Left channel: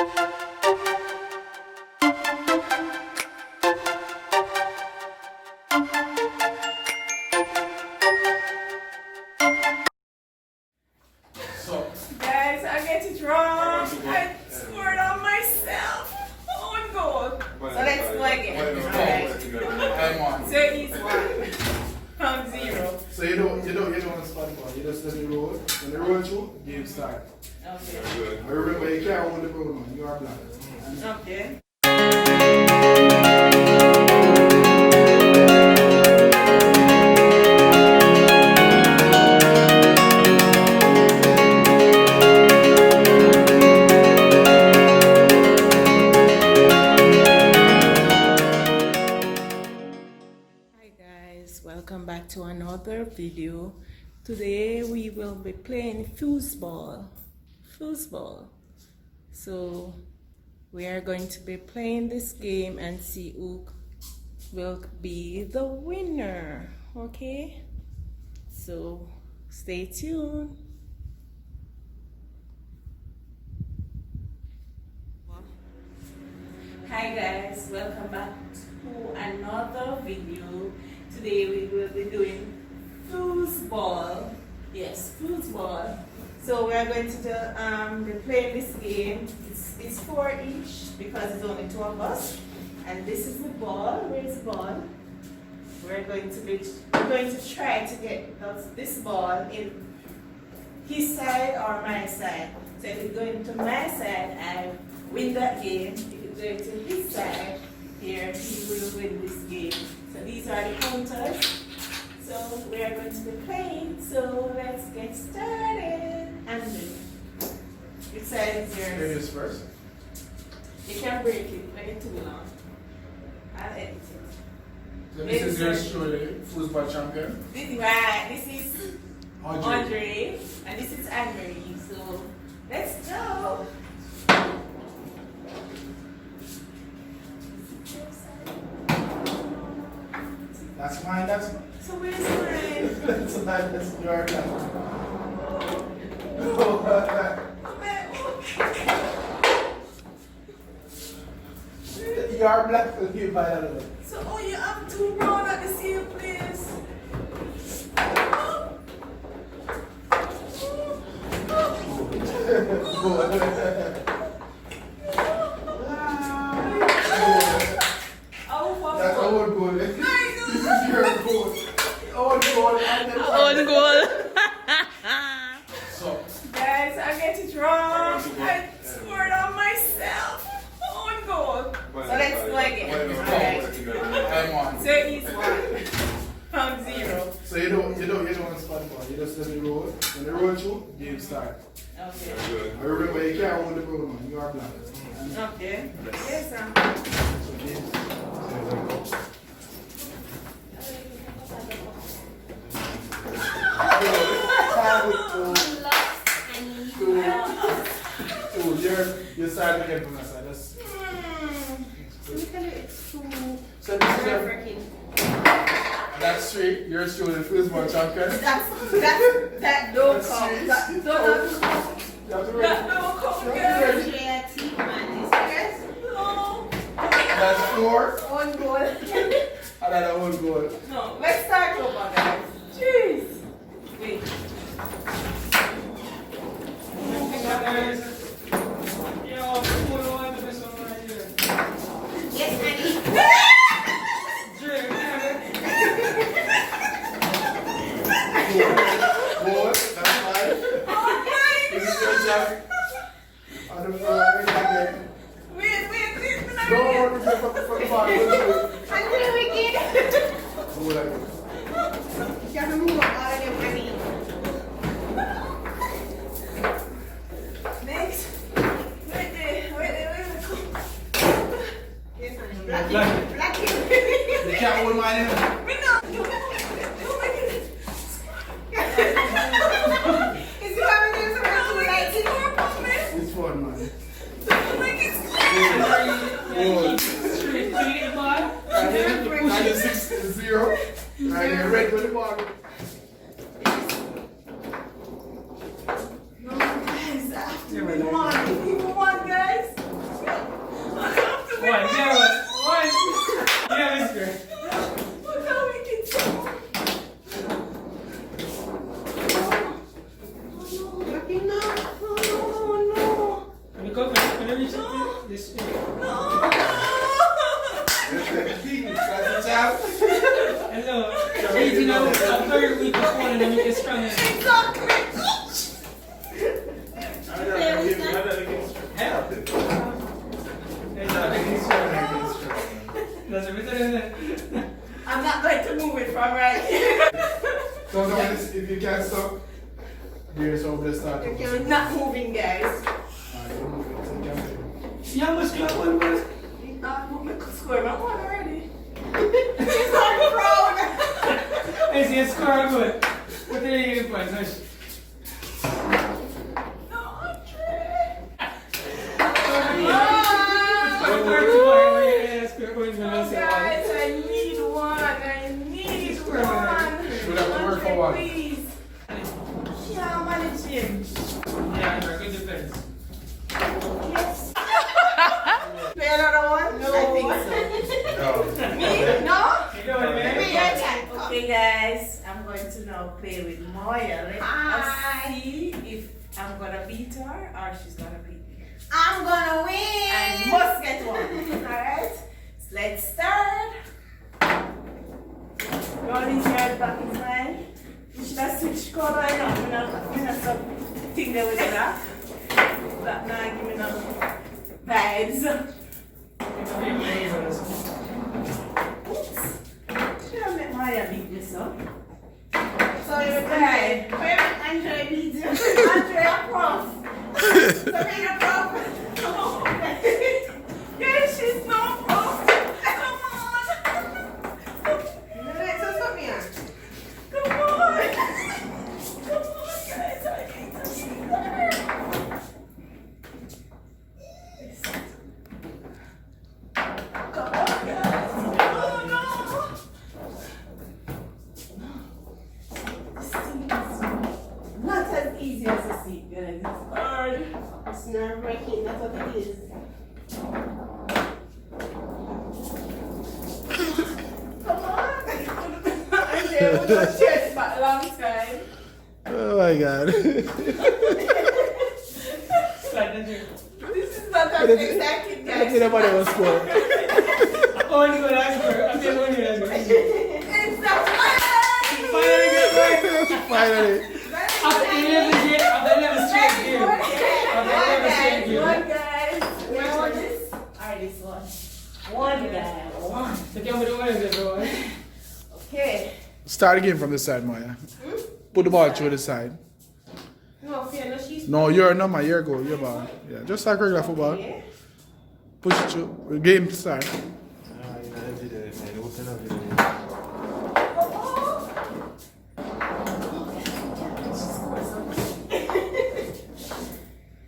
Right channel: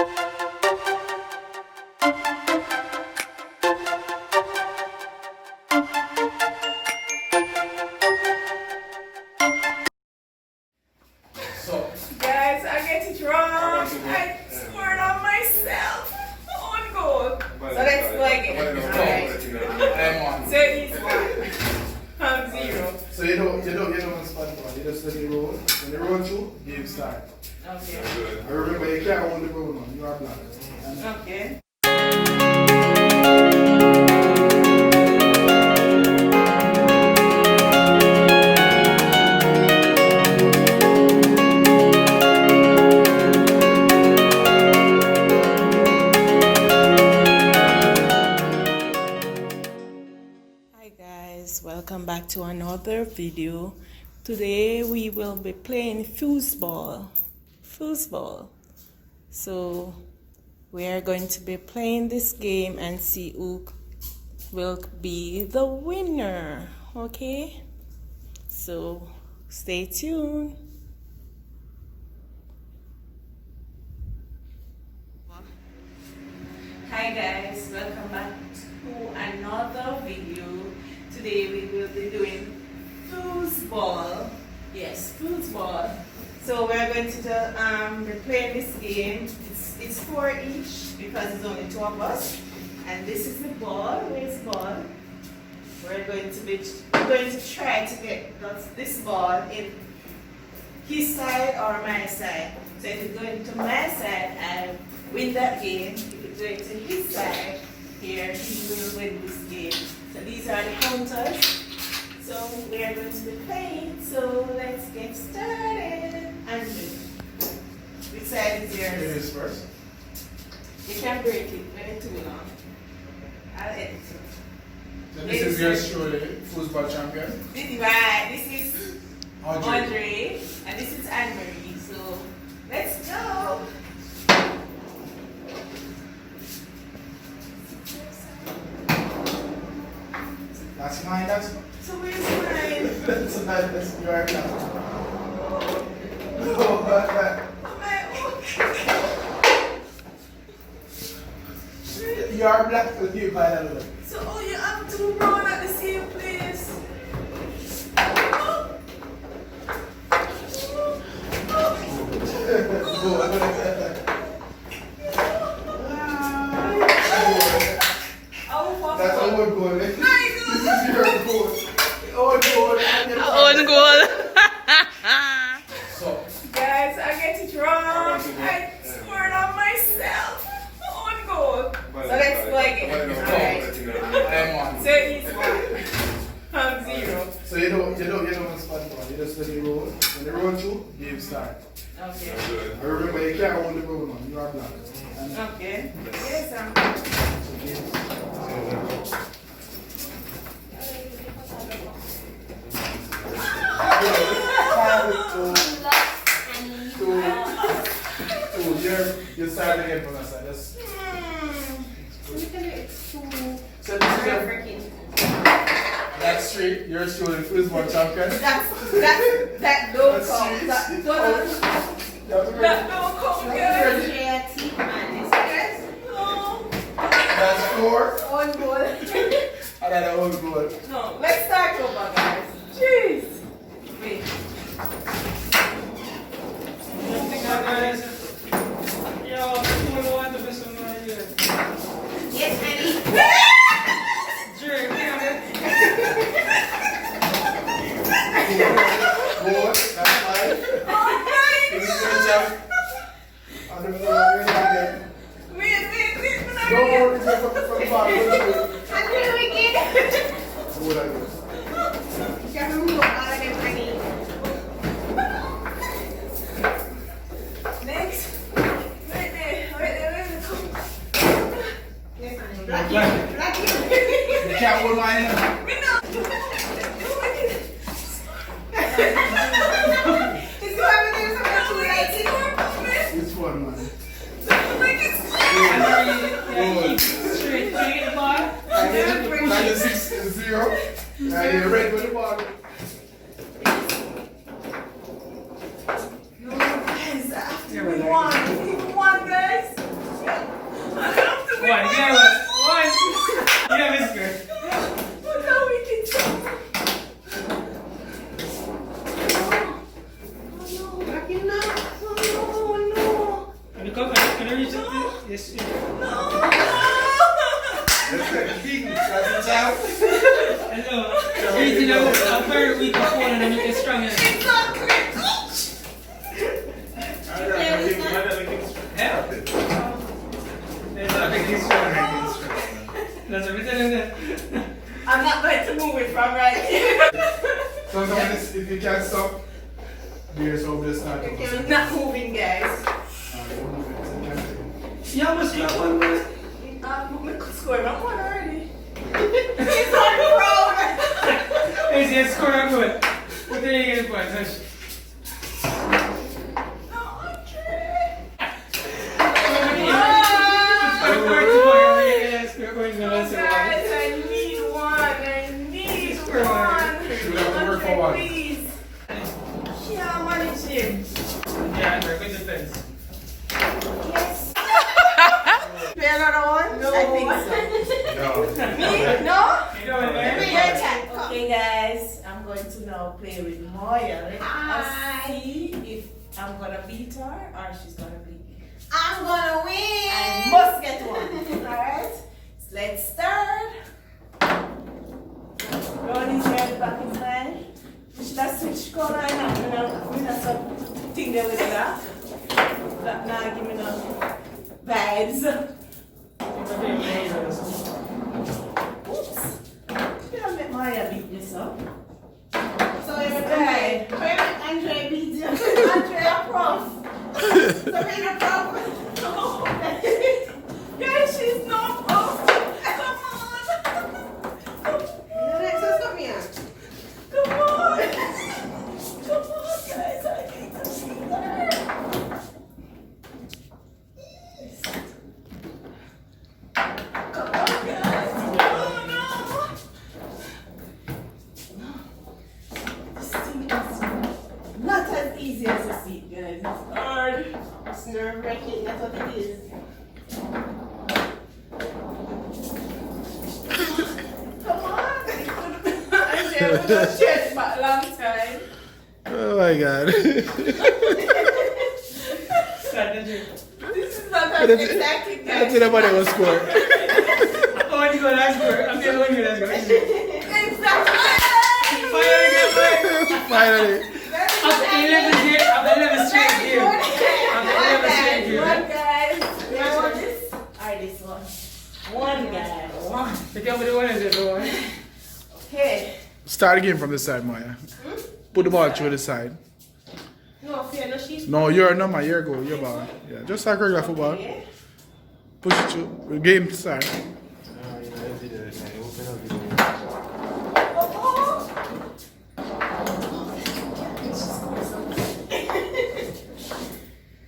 So, Guys, I get it wrong. I scored on myself. On goal. So let's go again. Alright. So it's 1 from 0. so you don't spot ball. You just let it roll. When you roll through, game start. Okay. And remember, you can't hold the ball, man. You are black. Okay. Welcome back to another video. Today we will be playing foosball. So we are going to be playing this game and see who will be the winner. Okay, so stay tuned. Hi guys, welcome back to another video. Today we will be doing foosball. Yes, foosball. So we're going to be playing this game. It's 4 each because it's only 2 of us. And this is the ball. Where's the ball? We're going to try to get this ball in his side or my side. So if it's going to my side, I win that game. If it's going to his side, here he will win this game. So these are the counters. So we are going to be playing. So let's get started. And which side is yours? Finish first. You can break it when it's too long. I'll edit it. So this is your surely foosball champion. This is Audrey. Audrey, and this is Anne-Marie. So let's go. That's mine, that's mine. So where's mine? That's mine, that's your account. You are black, so you buy that one. So oh, you have 2 brown at the same place. That's our goal, eh? This is your goal. On goal. So, Guys, I get it wrong. I scored on myself. On goal. So let's go again. Alright. So it's 1 from 0. so you don't spot ball. You just let it roll. When you roll through, game start. Okay. And remember, you can't hold the ball, man. You are black. Okay. Yes, I'm. So game. You start again from us. So this is your, that's straight. You're still the foosball champion. That don't count. That don't count, girl. No. That's 4. On goal. Another own goal. No, let's start over, guys. Jeez. Wait. Yes, honey. Drink. Goal. That's fine. Oh my This is your jump. On the floor. Wait. Don't hold yourself up for the ball. I'm doing it. Goal and goal. Next. Wait there. Yes, honey. Black You can't hold mine now. Me no. Oh my God. Is you having this about you like it? Which one, man? Oh my God. Straight to the bar. 96-0. And you're red with the ball. No, guys, after we won, guys. one. You have a square. Look how wicked. Lucky now. Oh no. Can you come? Can you reach it? Yes. That's the king. That's the champ. Hello. Reaching out. I'm very weak of phone and then you get strong. Exactly. That's everything. I'm not going to move it from right here. So if you can't stop, do yourself this not. It's not moving, guys. Yeah, must be one, but Score my one already. He's on the road. is it score good? What are you getting for? Guys, I need one. I need one. Should have to work for one. Please. Yeah, I'm managing. Yeah, very good defense. Yes. Play another one? No. I think No. so. Me? No? You doing, Maybe man? your time. Okay, guys, I'm going to now play with Moya. Let us Hi. see if I'm gonna beat her or she's gonna beat me. I'm gonna I win. must get one. Alright? Let's start. Roll his head back in mine. Should I switch color? I know. I'm gonna stop thing there with the lock. That now give me no vibes. Oops. Should I let Maya beat this up? So you're Okay. good. Where did Andre beat you? Andrea Prof. Serena Prof. Yeah, she's not Prof. Come on. Let's just come here. Come on. Come on, guys. I need to see her. Come on, guys. Oh, no. This thing is not as easy as you see, guys. It's hard. It's nerve-wracking. That's what it is. Come on. I'm there with my chest back alongside. Oh my god. This is not as exciting, guys. nobody will score. Oh, you go last score. I'm the only one that's Exactly. Finally. After 11 years, after 11 straight years. After 11 straight years. One guy. Where was this? Alright, this one. One guy. One. The game with the one is the one. Okay. Start again from this side, Maya. Put the ball through the side. No fear, no sheep. No, you're no, my your goal, your ball. Yeah, just like regular football. Okay. Push it through. Game start.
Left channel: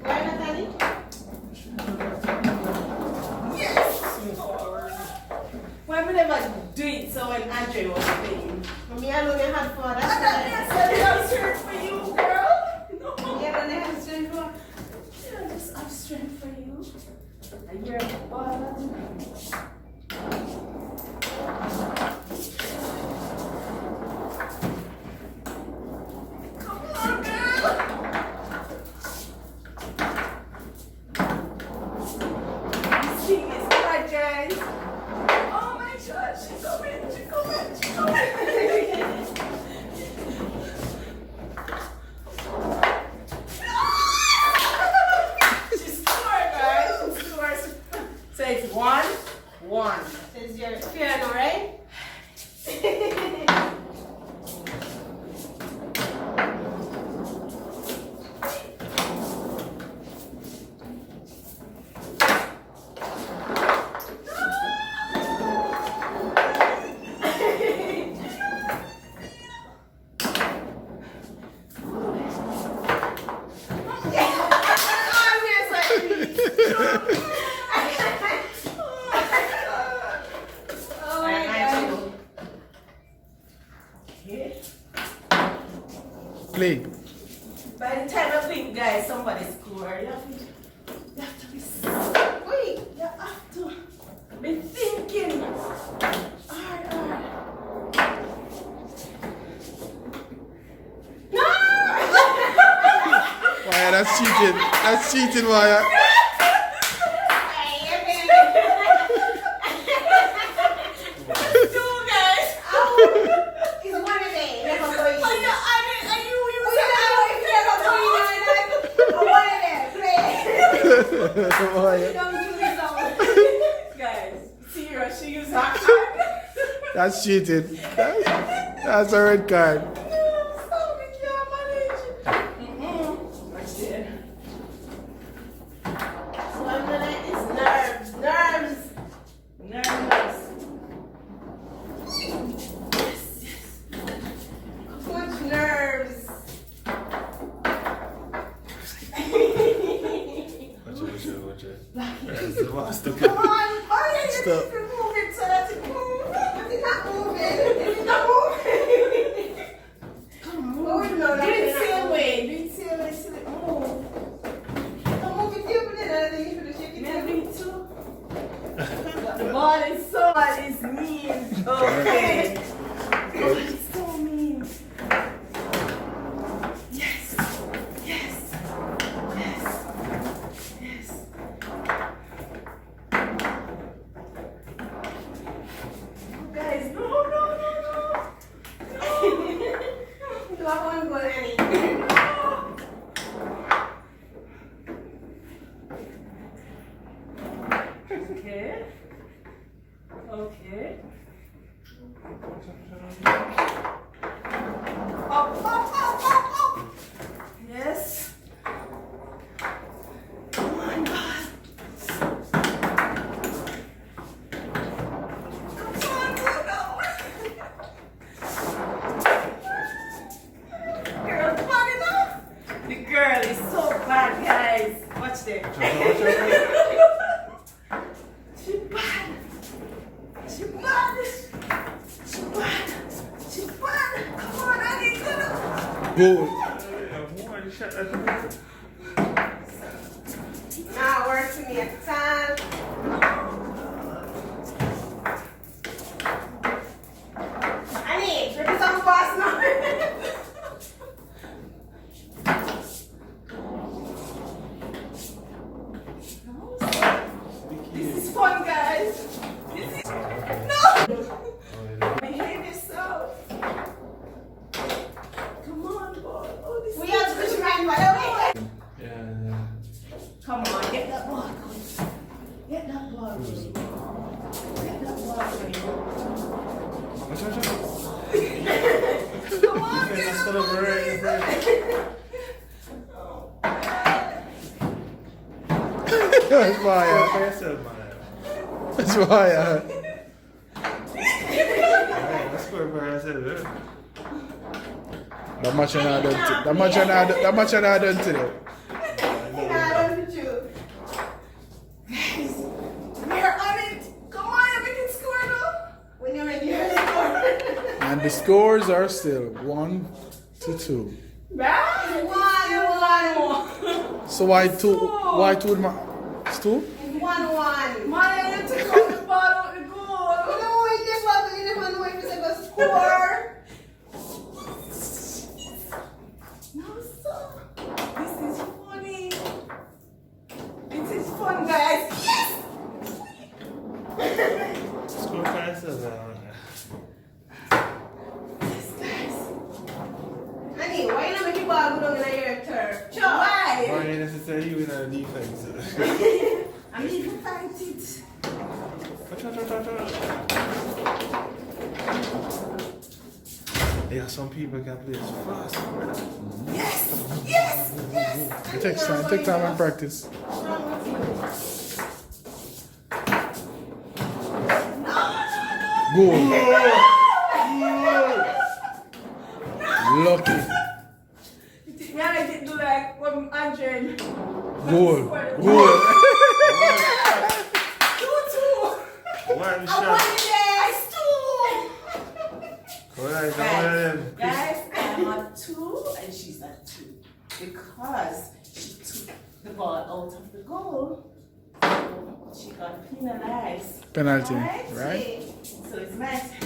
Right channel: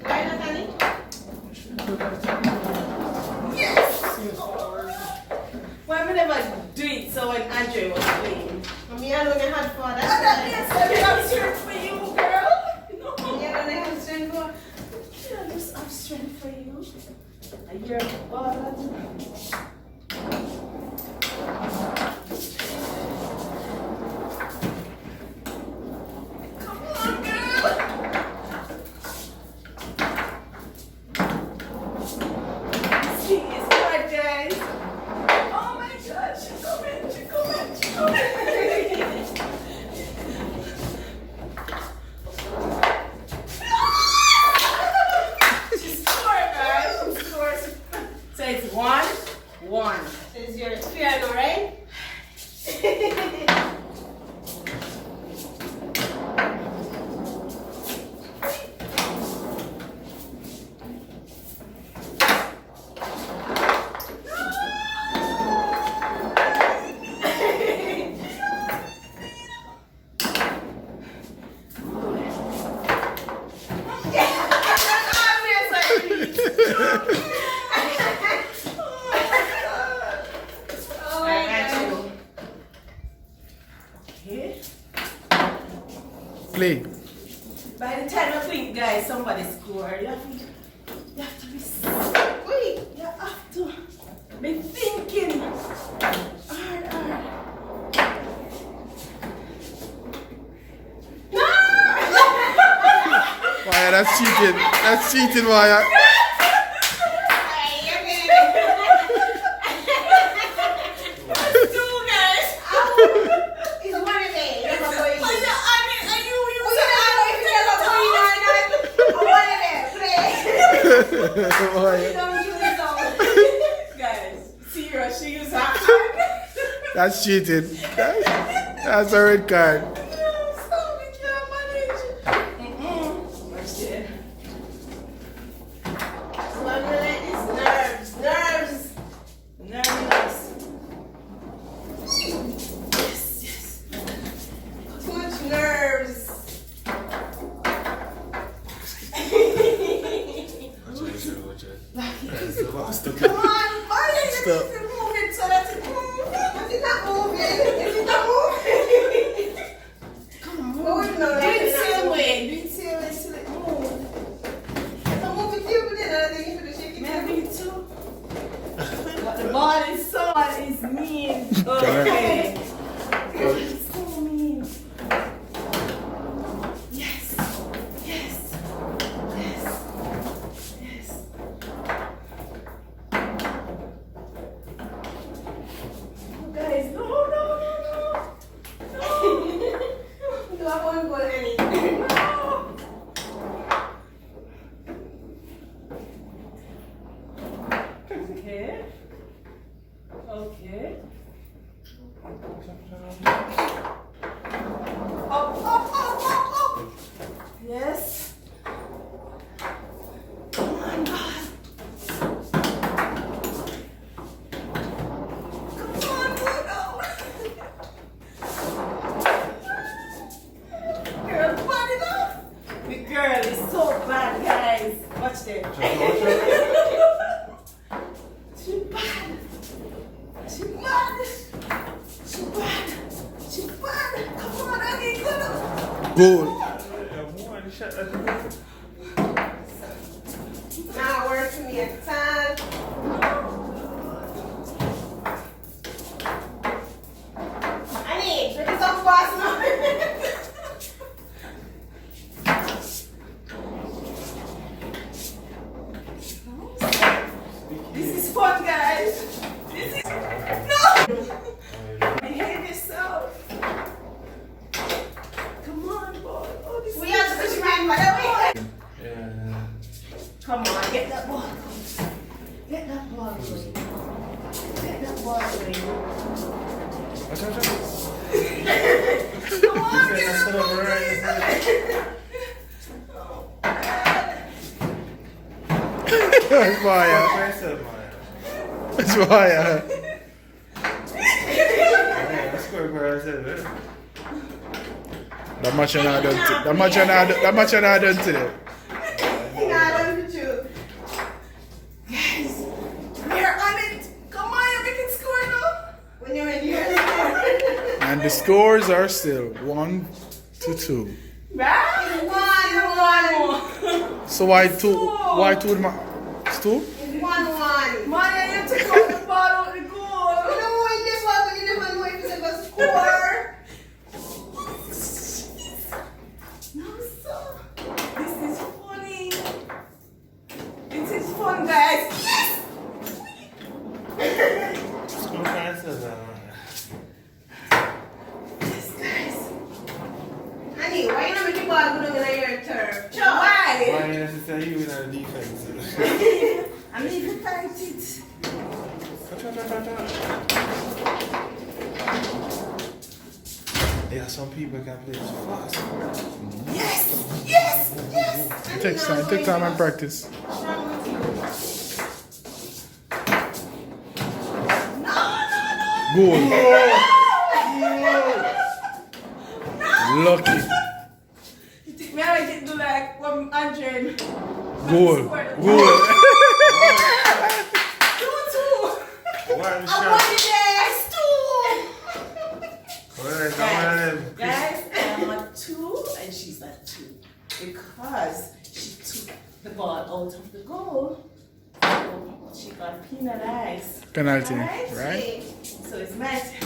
Why not, Annie? Yes. Why would I never do it so when Andre was playing? Me alone I had fun. I'm That's not why. necessarily have strength for you, girl. No. Me alone I had strength for. Should I just have strength for you? I hear a ball. Come on, girl. She is hard, guys. Oh my gosh, she's coming, she's coming, she's coming. She scored, guys. She scored. So it's 1-1. Says you're piano, right? Oh my God. Okay. Play. By the time I think, guys, somebody scored. You have to be. Wait, you have to. That's cheating. That's cheating, Maya. Maya. Guys, serious, she used her hand. That's cheating. That's a red card. Stop, we can't manage. Watch there. Nerves. Yes. Too much nerves. Come on, why did Stop. you move it so that it moves? It's not moving. It's not moving. Come Go on. in now, Do like it that. same way. Do it same way till it move. Don't move it too, but then I think you should shake it Maybe too. too. The ball is so mean. Okay. It's so mean. Yes. Oh, guys, no. Do I want to go, Annie? Okay. Up. Yes. Come on, God. Come on, Bruno. Girl, put it up. The girl is so bad, guys. Watch this. She bad. Come on, I need to. Goal. Now work to me at time. Annie, look at some fast now. This is fun, guys. No. Behave yourself. Come on, boy. Oh, this We have to push your hand by the way. Come on, get that ball. Get that ball away. Get that ball away. Come on, get that ball away. Oh, God. That's Maya. That's Maya. That much I not done to that much I not done today. Guys, we're on it. Come on, we can score now. When you're in here. And the scores are still 1-2. Right? 1-1. So why two? Why two? It's two? 1-1. Maya, you took out the ball out the goal. You know when this was, when you never know if it's a score. No, sir. This is funny. This is fun, guys. Yes! Yes, guys. Annie, why you not make the ball go down in your turf? Sure. Why? Why necessarily you in a defense? I need to fight it. Yeah, some people can play fast. Yes! It takes time. Take time and practice. Goal. Lucky. You think me I didn't do like 100? Goal. Goal. 2-2. Why the I shot? won it, guys. 2. Alright, Guys, I'm at 2 and she's at 2 because she took the ball out of the goal. So she got penalized. Penalty, Right? right? So it's my turn.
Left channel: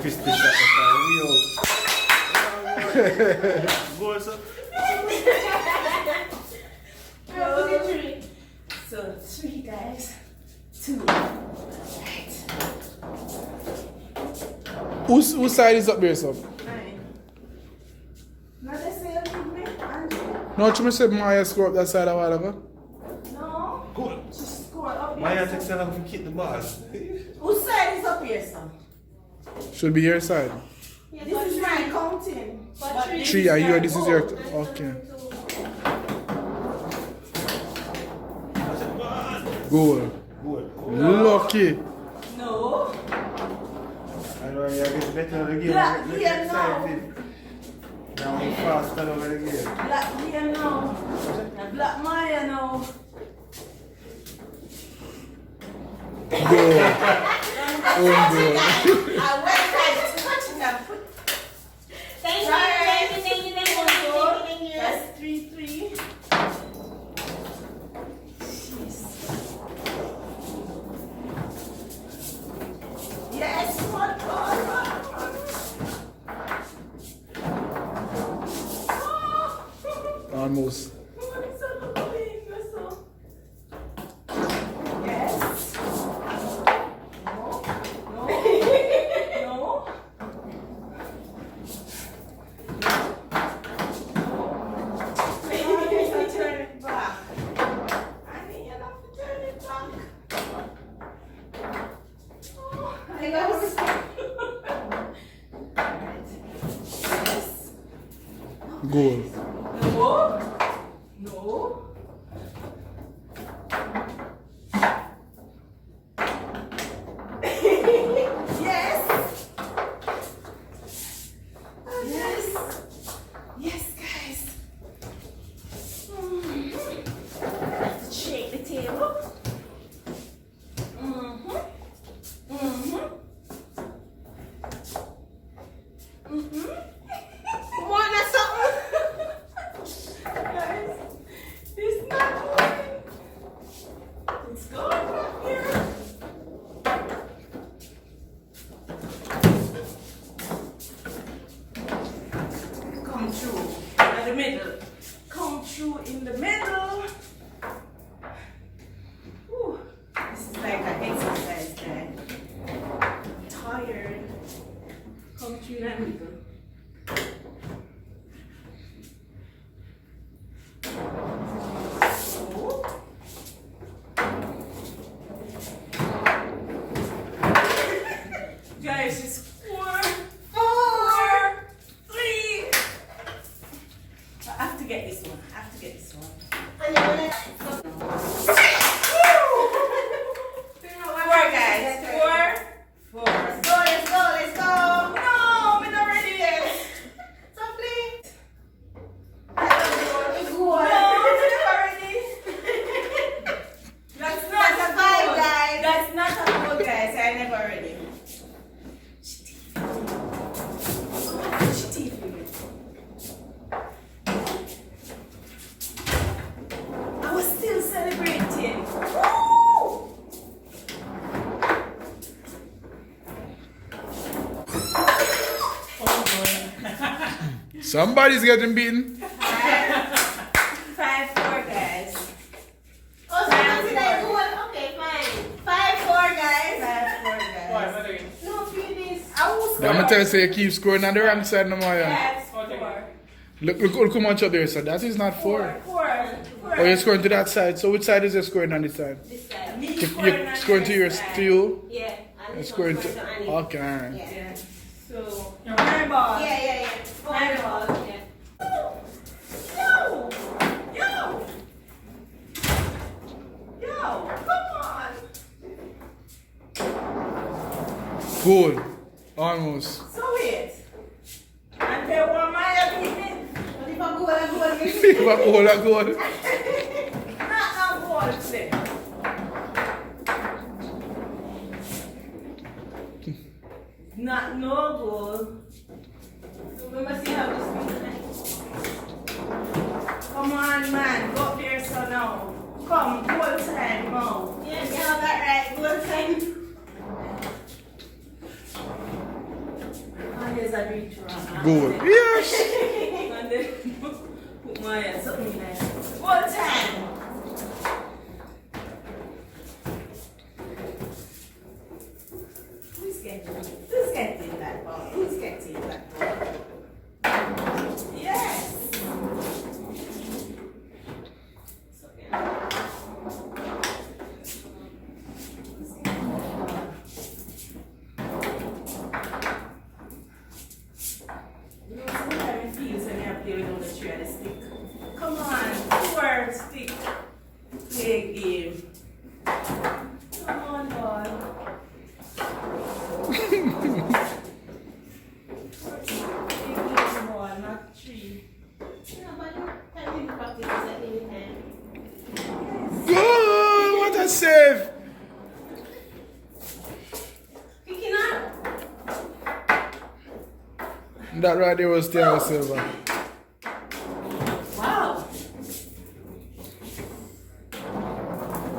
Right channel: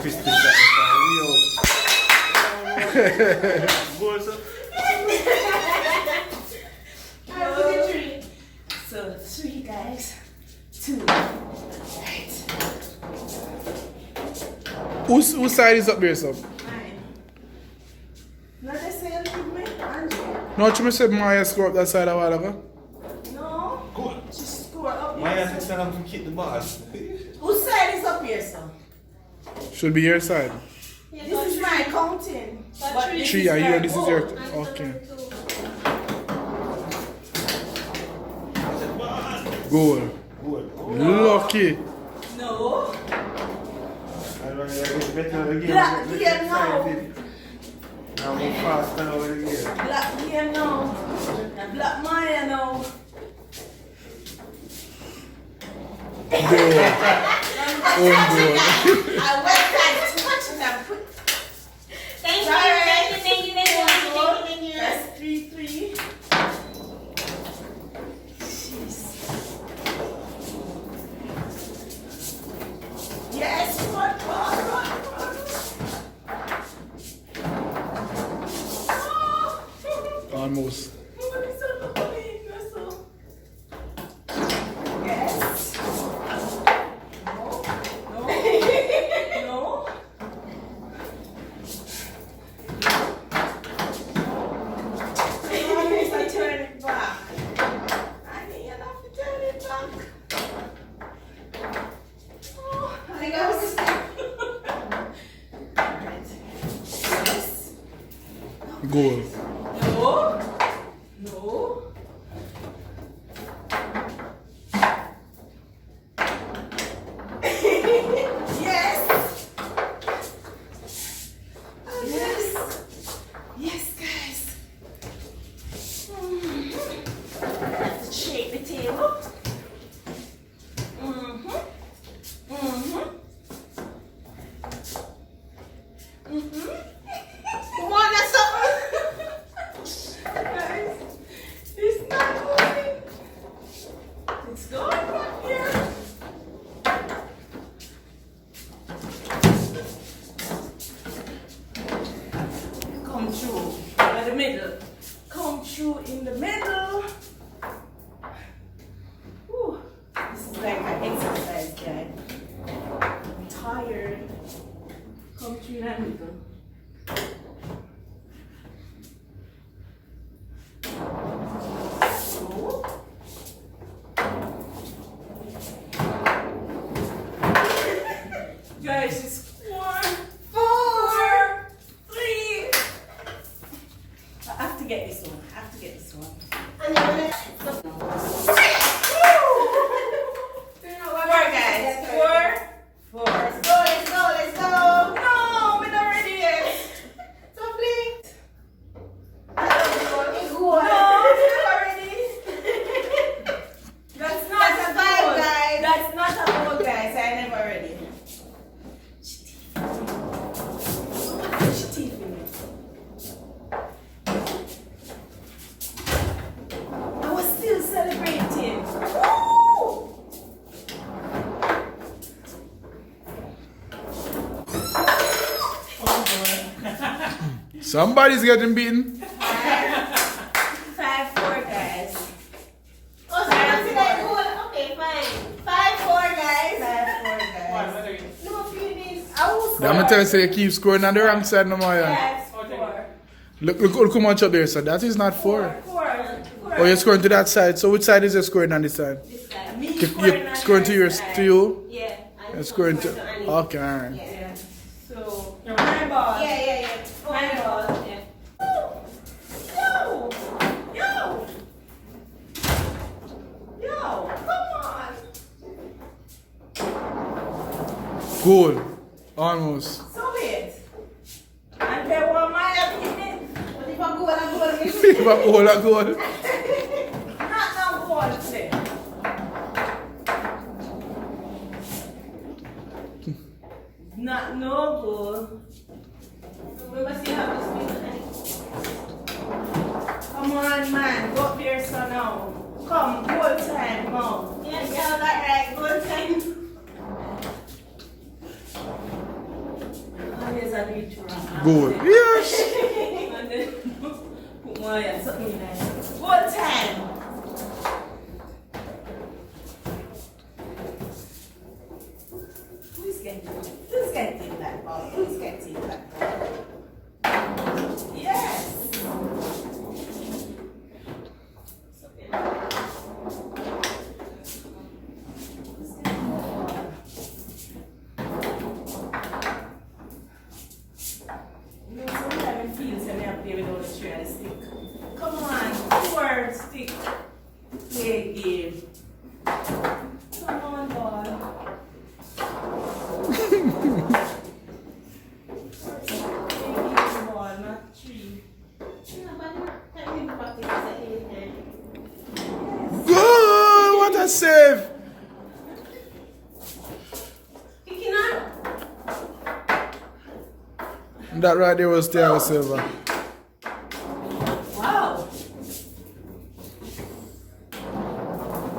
Chris picked that we out. Goal, sir. Whose side is up there, sir? Mine. Not the same with me, Andrew. No, you said Maya score up that side a while ago. No. Good. She scored up here. Maya sir. thinks that I'm going to kick the ball. Whose side is up here, sir? Should be your side. This is my counting. But this Three, is yeah, your this is goal. your. Okay. Goal. Good. Lucky. No. I know you're getting better again. Black Let's here get now. excited. Now we fast over again. Black here now. Black Maya now. Goal. Own goal. I went back to touching them. Thank you. That's 3-3. Yes, what? Almost. Yes. No. No. I turn it back. I need you have to turn it back. Oh, I got this. Yes. Goal. No. No. Yes. Yes. Yes, guys. Let's shake the table. Come on, that's something. Guys, it's not going. It's going from here. Come through by the middle. Come through in the middle. Whew. This is like an exercise, guys. I'm tired. Come through in the middle. So. Guys, it's 4, 3. I have to get this one. I have to get this one. 4, guys. 4. Let's go. No, we're not ready yet. Something. No, we're not ready. That's not That's a a five, goal. guys. That's not a goal, guys. I'm never ready. I was still celebrating. Woo! Somebody's getting beaten. 5-4, guys. Oh, so that's that goal. Okay, fine. 5-4, guys. 5-4, guys. No, please. I will I'm gonna tell you, say you keep scoring on the wrong side, no more. Yes, 4. Look how much up there, so that is not 4. 4. Oh, you're scoring to that side. So which side is you scoring on this side? This time. Me If scoring you're on scoring to your your side. to you, Yeah. And you're this scoring one's to. going Annie. Okay, alright. Yeah. Yeah. So, my ball. Yeah. My ball. Yeah. Yo! Yo! Yo! Come on! Goal. Almost. So wait. And there were my opinion. But if I go, I go again. If I goal, I goal. Not a goal today. Not no goal. We must see how this thing Come on, man. Go up there, so now. Come, goal time, come. Yeah, you got that right. Good time. Oh, here's a reach wrong. Goal. Yes. And then put my something in there. Goal time. Who's getting that ball? stick. Play a game. Come on, boy. One, not three. Good! What a save! Kicking on. That right there was Thiago Silva. Wow.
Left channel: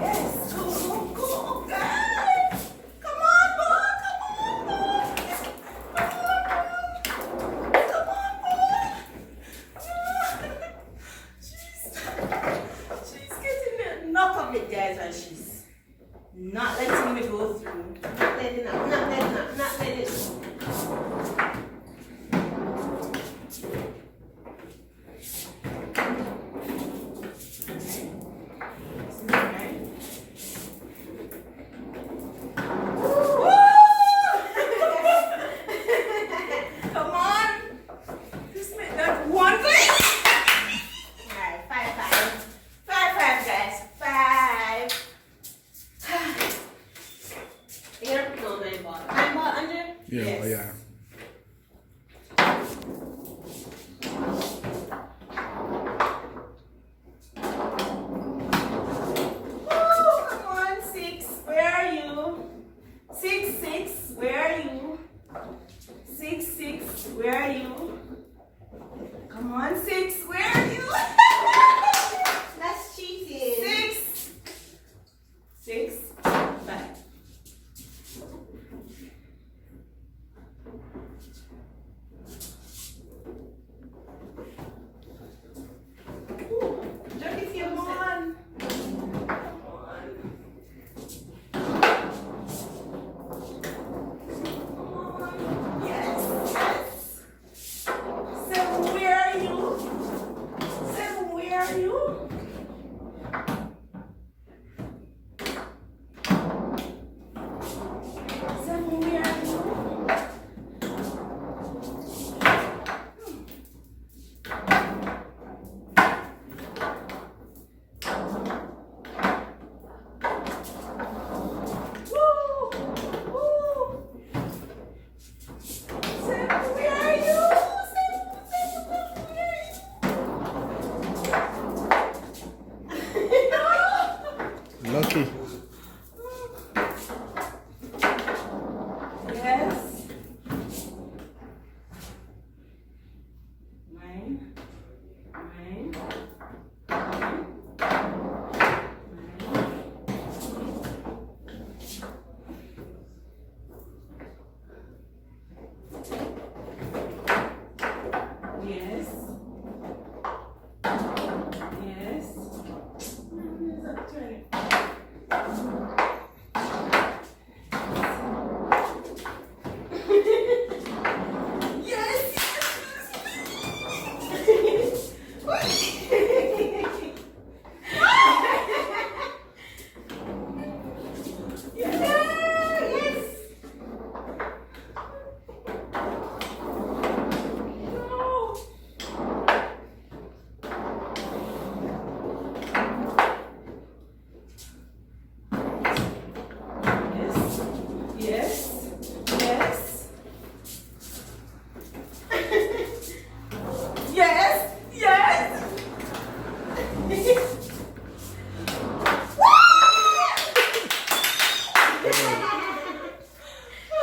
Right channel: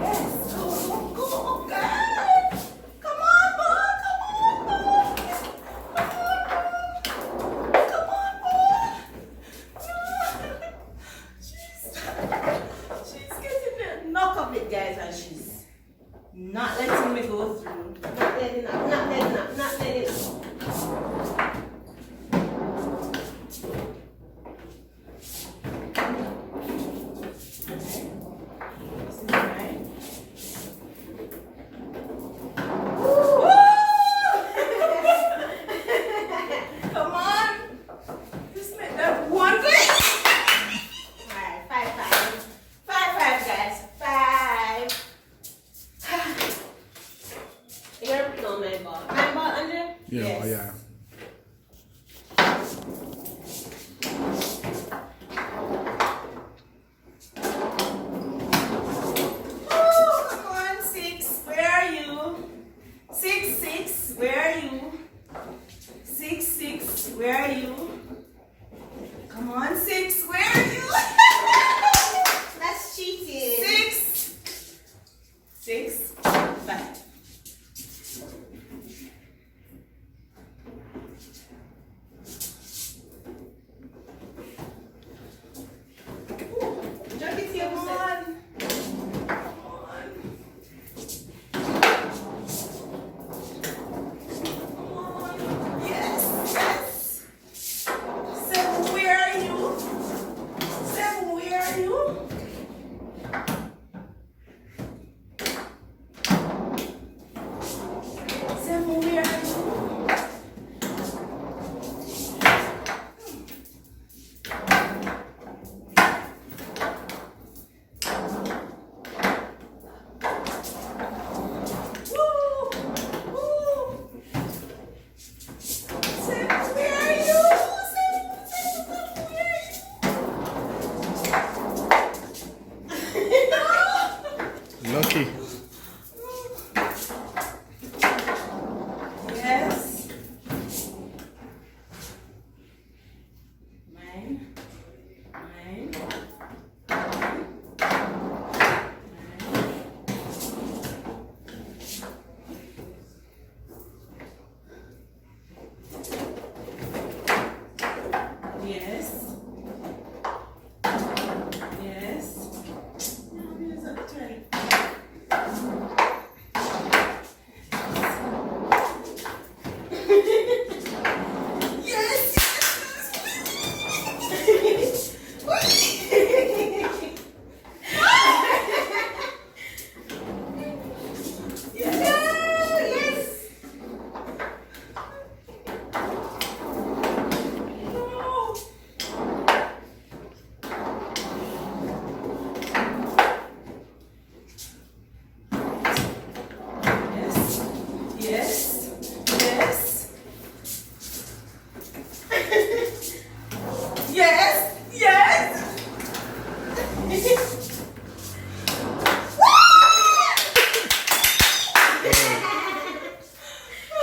Yes. Go, go, guys. Come on, boy. Come on, boy. Come on, boy. She's getting the knock of it, guys, and she's not letting me go through. Not letting up, not letting up, not letting up. Come on. Just make that one. Alright, 5-5. 5-5, guys. 5. Here, no, my ball. My ball under? Yeah, Yes. yeah. Oh, come on, 6. Where are you? 6, where are you? 6, where are you? Come on, 6, where are you? That's cheating. 6, 5. Jump it to your Come side. on. Come on. Come on. Yes. 7, where are you? 7, where are you? Seven, where are you? Woo! Woo! 7, where are you? 7, where are you? Lucky. Yes. Nine. Yes. Yes. Now here's up 20. Yes. Yes. No. Yes. Yes. Yes. Yes.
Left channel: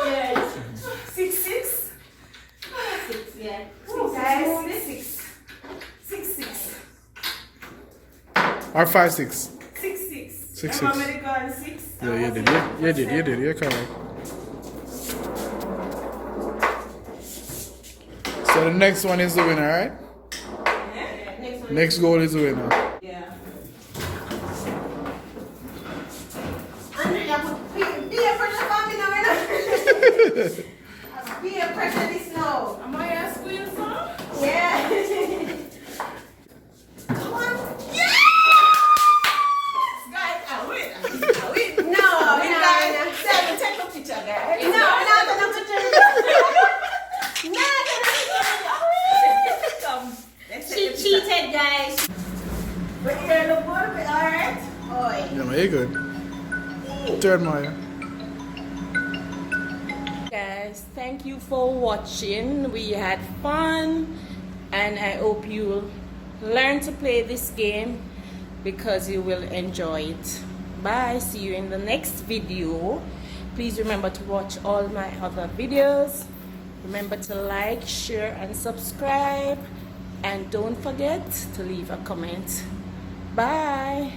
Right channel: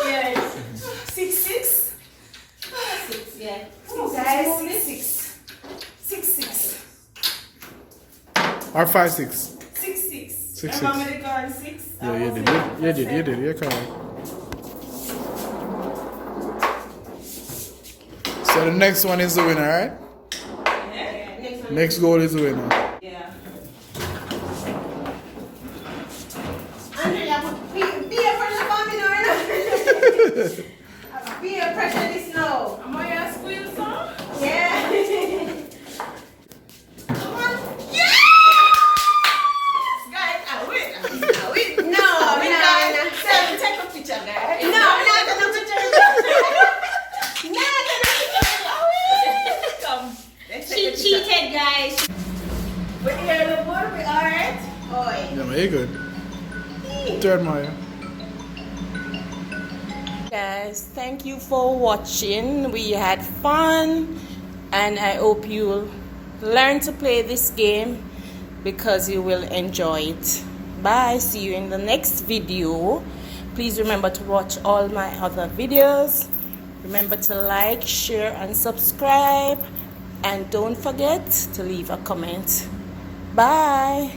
Yes. 6. 6, yeah. Oh, guys, 6. 6. Or 5-6. 6. 6. Remember the girl 6? Yeah, you did. You did. You're correct. So the next one is the winner, right? Yeah. Next one. Next goal is the winner. Yeah. Andrea, peer pressure coming on. Peer pressure this now. Am I a squeal song? Yeah. Come on. Yes! Guys, I win. I win. No, we're not. Seven, take a picture, guys. No, we're not gonna do picture. No, Come. Let's take a she picture. cheated, guys. But you're the boy. Yeah, man, you good. Third Maya. Guys, thank you for watching. We had fun, and I hope you learn to play this game because you will enjoy it. Bye. See you in the next video. Please remember to watch all my other videos. Remember to like, share, and subscribe. And don't forget to leave a comment. Bye.